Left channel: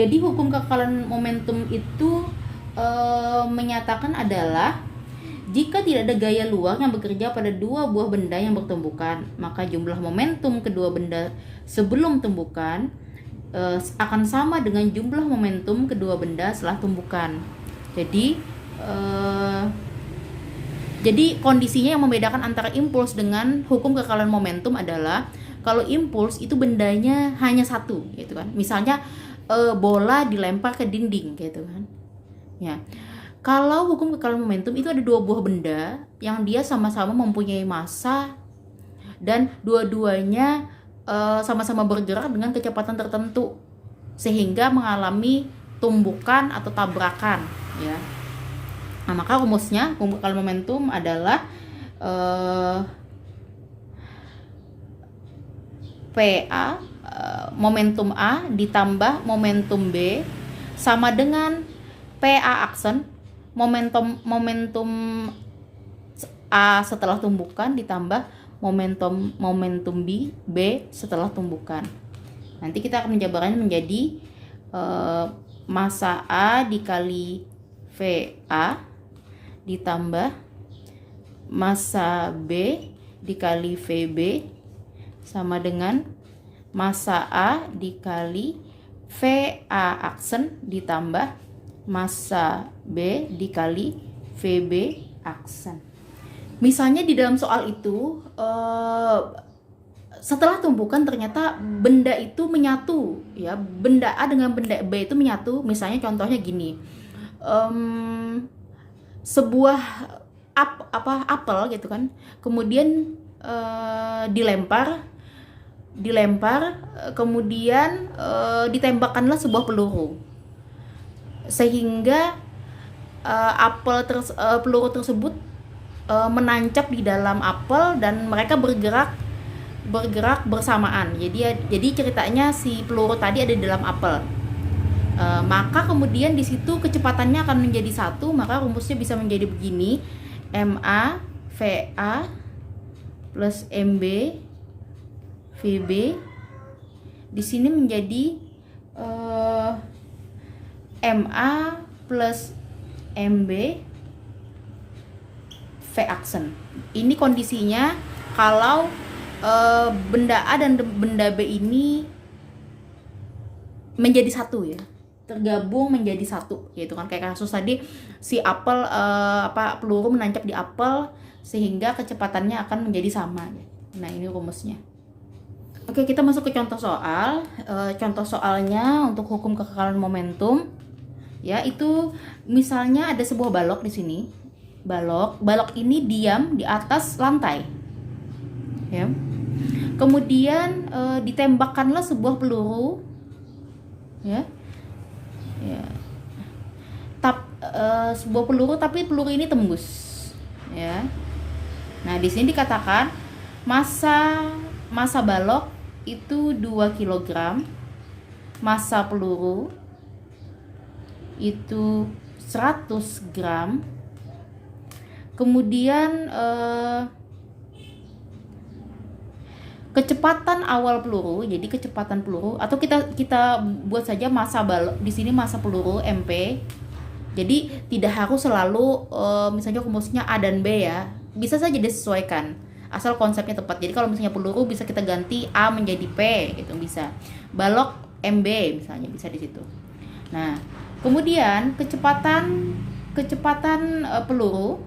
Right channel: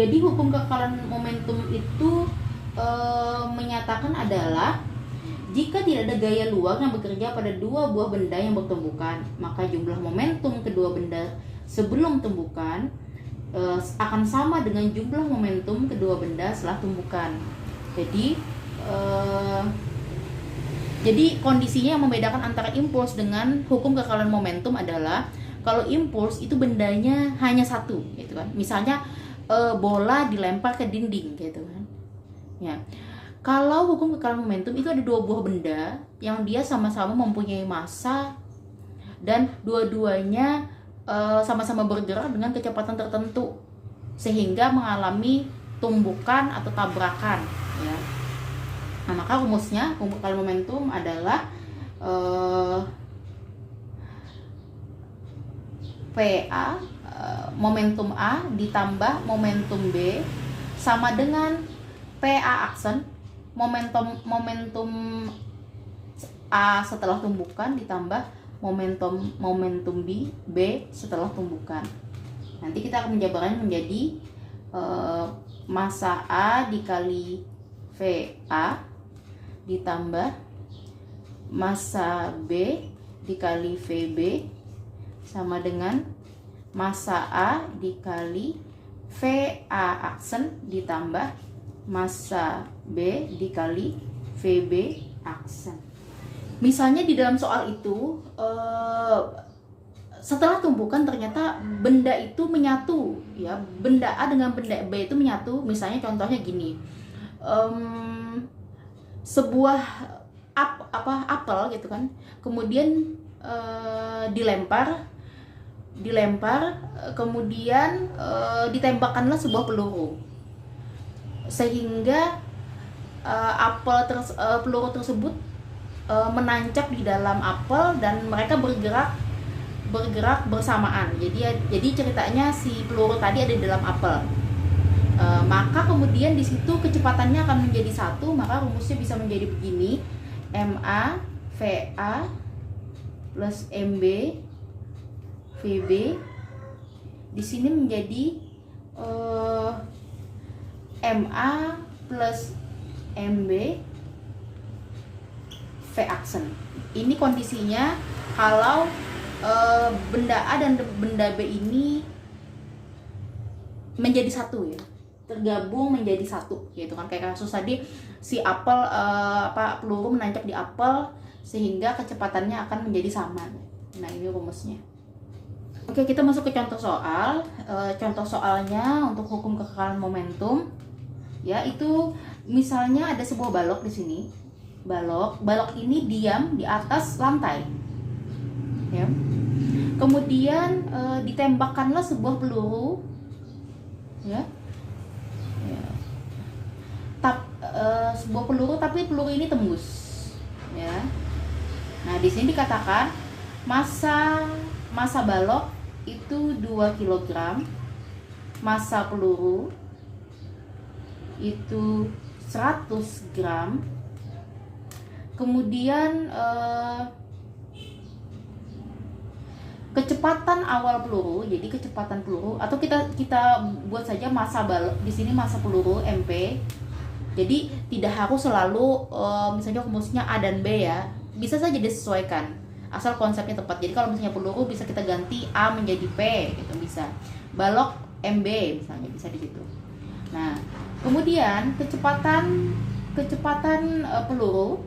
Jadi hukum kekekalan momentum itu menyatakan adalah jika tidak ada gaya luar yang bekerja pada dua buah benda yang bertumbukan, maka jumlah momentum kedua benda sebelum tumbukan akan sama dengan jumlah momentum kedua benda setelah tumbukan. Jadi kondisinya yang membedakan antara impuls dengan hukum kekekalan momentum adalah kalau impuls itu bendanya hanya satu, gitu kan. Misalnya bola dilempar ke dinding, gitu kan. Ya. Kalau hukum kekekalan momentum itu ada dua buah benda yang dia sama-sama mempunyai massa dan dua-duanya sama-sama bergerak dengan kecepatan tertentu sehingga mengalami tumbukan atau tabrakan, ya. Nah, maka rumusnya hukum kekekalan momentum adalah PA momentum A ditambah momentum B sama dengan PA aksen momentum A setelah tumbukan ditambah momentum B setelah tumbukan. Nanti kita akan menjabarkannya menjadi massa A dikali VA ditambah massa B dikali VB sama dengan massa A dikali VA aksen ditambah massa B dikali VB aksen. Misalnya di dalam soal itu setelah tumbukan ternyata benda itu menyatu, ya, benda A dengan benda B itu menyatu. Misalnya contohnya gini, sebuah apel gitu kan, kemudian dilempar kemudian ditembakkanlah sebuah peluru sehingga peluru tersebut menancap di dalam apel dan mereka bergerak bersamaan. Jadi ceritanya si peluru tadi ada di dalam apel. Maka kemudian di situ kecepatannya akan menjadi satu, maka rumusnya bisa menjadi begini: MA VA plus MB VB di sini menjadi MA plus MB V aksen. Ini kondisinya kalau benda A dan benda B ini menjadi satu, ya, tergabung menjadi satu, gitu kan. Kayak kasus tadi si apel peluru menancap di apel sehingga kecepatannya akan menjadi sama. Nah, ini rumusnya. Oke, kita masuk ke contoh soal. Contoh soalnya untuk hukum kekekalan momentum, ya, itu misalnya ada sebuah balok di sini. Balok ini diam di atas lantai, ya. Kemudian ditembakkanlah sebuah peluru, ya. Sebuah peluru, tapi peluru ini tembus, ya. Nah, di sini dikatakan massa balok itu 2 kg, massa peluru itu 100 gram. Kemudian kecepatan awal peluru, jadi kecepatan peluru, atau kita buat saja massa balok di sini, massa peluru MP. Jadi tidak harus selalu misalnya rumusnya A dan B, ya, bisa saja disesuaikan asal konsepnya tepat. Jadi kalau misalnya peluru bisa kita ganti A menjadi P, gitu bisa. Balok MB misalnya bisa di situ. Nah, kemudian kecepatan peluru,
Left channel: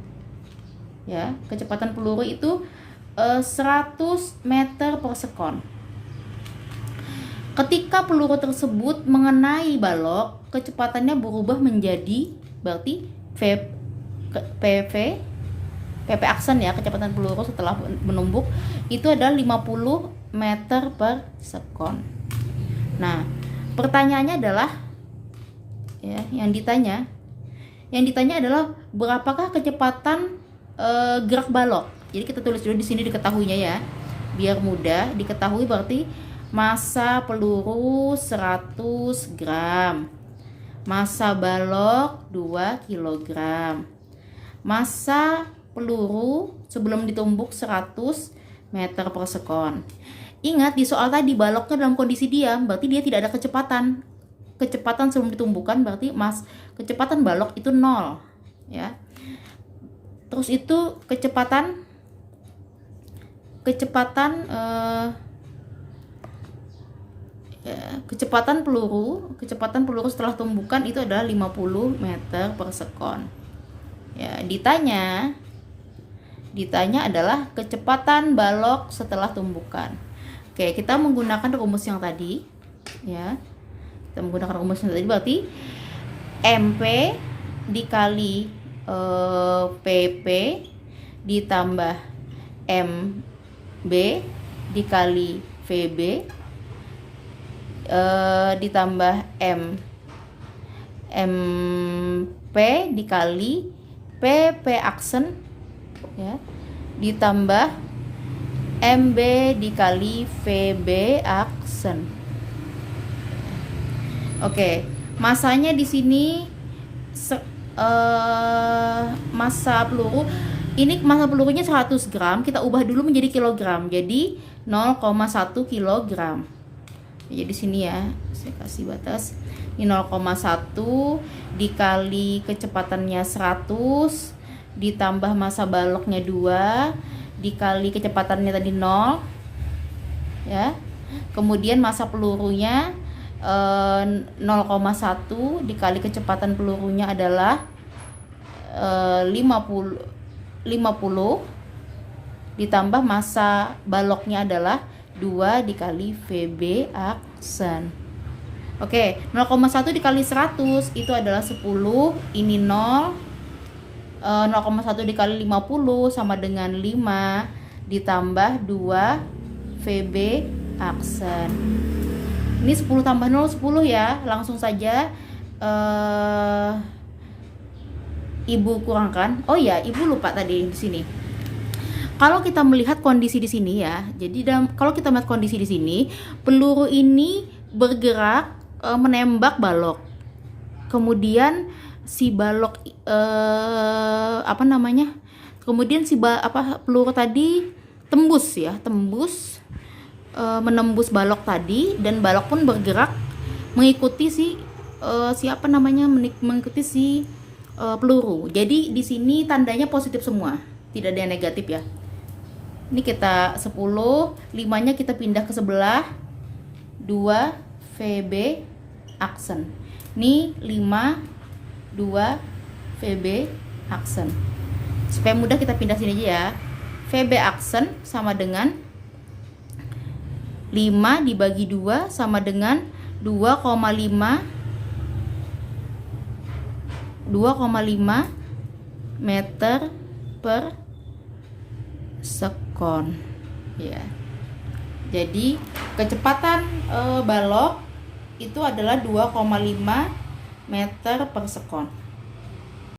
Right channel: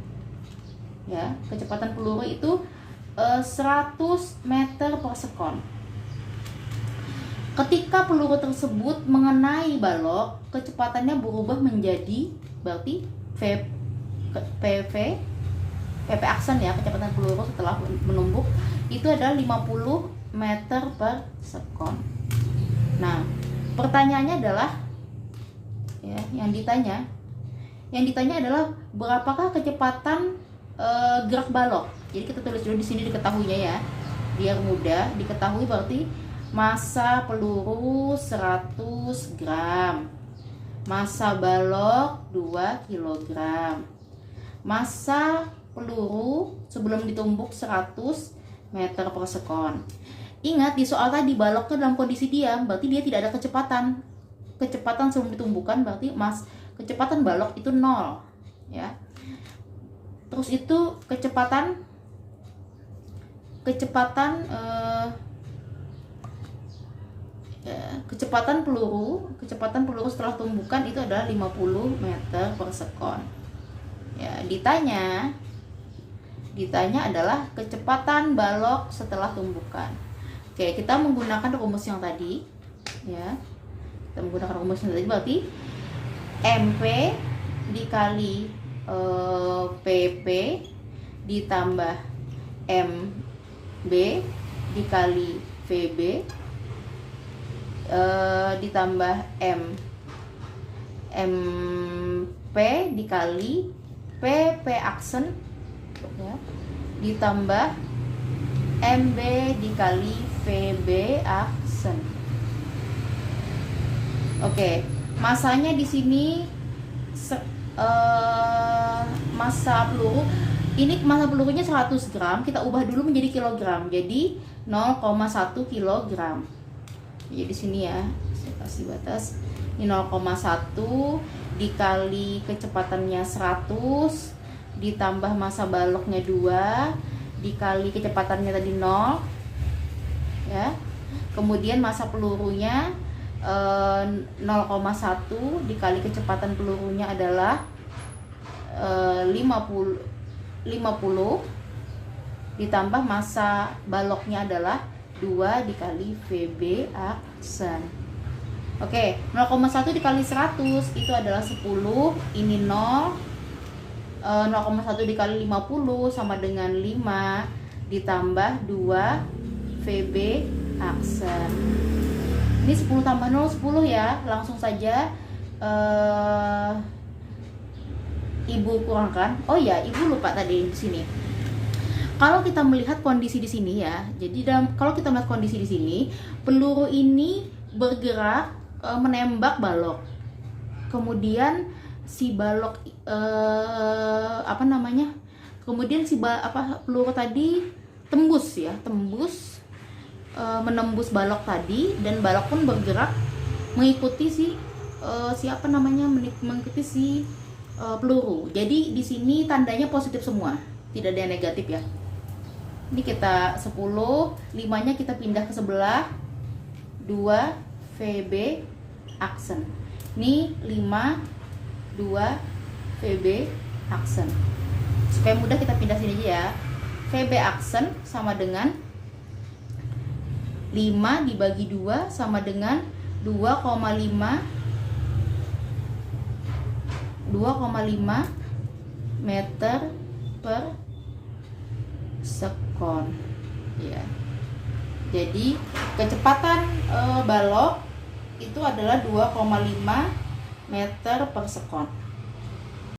ya, kecepatan peluru itu 100 meter per sekon. Ketika peluru tersebut mengenai balok, kecepatannya berubah menjadi, berarti PP aksen, ya, kecepatan peluru setelah menumbuk itu adalah 50 meter per sekon. Nah, pertanyaannya adalah, ya, yang ditanya adalah berapakah kecepatan gerak balok. Jadi kita tulis dulu di sini diketahuinya, ya, biar mudah diketahui. Berarti massa peluru 100 gram, massa balok 2 kg, massa peluru sebelum ditumbuk 100 meter per sekon. Ingat di soal tadi baloknya dalam kondisi diam, berarti dia tidak ada kecepatan. kecepatan sebelum ditumbuhkan, berarti kecepatan balok itu 0 ya. Terus itu kecepatan peluru setelah tumbukan itu adalah 50 meter per sekon. Ya, ditanya adalah kecepatan balok setelah tumbukan. Oke, kita menggunakan rumus yang tadi ya. Kita menggunakan rumus yang tadi, berarti MP dikali PP ditambah MB dikali VB ditambah MP dikali PP aksen ya, ditambah MB dikali VB aksen. Oke, masanya di sini massa peluru ini, massa pelurunya 100 gram, kita ubah dulu menjadi kilogram, jadi 0,1 kilogram. Jadi di sini ya, saya kasih batas ini 0,1 dikali kecepatannya 100 ditambah massa baloknya 2 dikali kecepatannya tadi 0 ya. Kemudian massa pelurunya 0,1 dikali kecepatan pelurunya adalah 50 ditambah massa baloknya adalah 2 dikali VB aksen. Oke, 0,1 dikali 100 itu adalah 10, ini 0. 0,1 dikali 50 sama dengan 5 ditambah 2 VB aksen. Ini 10 tambah 0 10 ya. Langsung saja Ibu kurangkan. Oh ya, Ibu lupa tadi di sini. Kalau kita melihat kondisi di sini ya. Jadi kalau kita melihat kondisi di sini, peluru ini bergerak menembak balok. Kemudian si balok kemudian si peluru tadi tembus menembus balok tadi, dan balok pun bergerak mengikuti mengikuti si peluru. Jadi di sini tandanya positif semua, tidak ada yang negatif ya. Ini kita 10, 5-nya kita pindah ke sebelah, 2 VB aksen. Ini 5 2 VB aksen. Supaya mudah kita pindah sini aja ya. VB aksen sama dengan 5 dibagi 2 sama dengan 2,5 meter per sekon ya. Jadi kecepatan balok itu adalah 2,5 meter per sekon.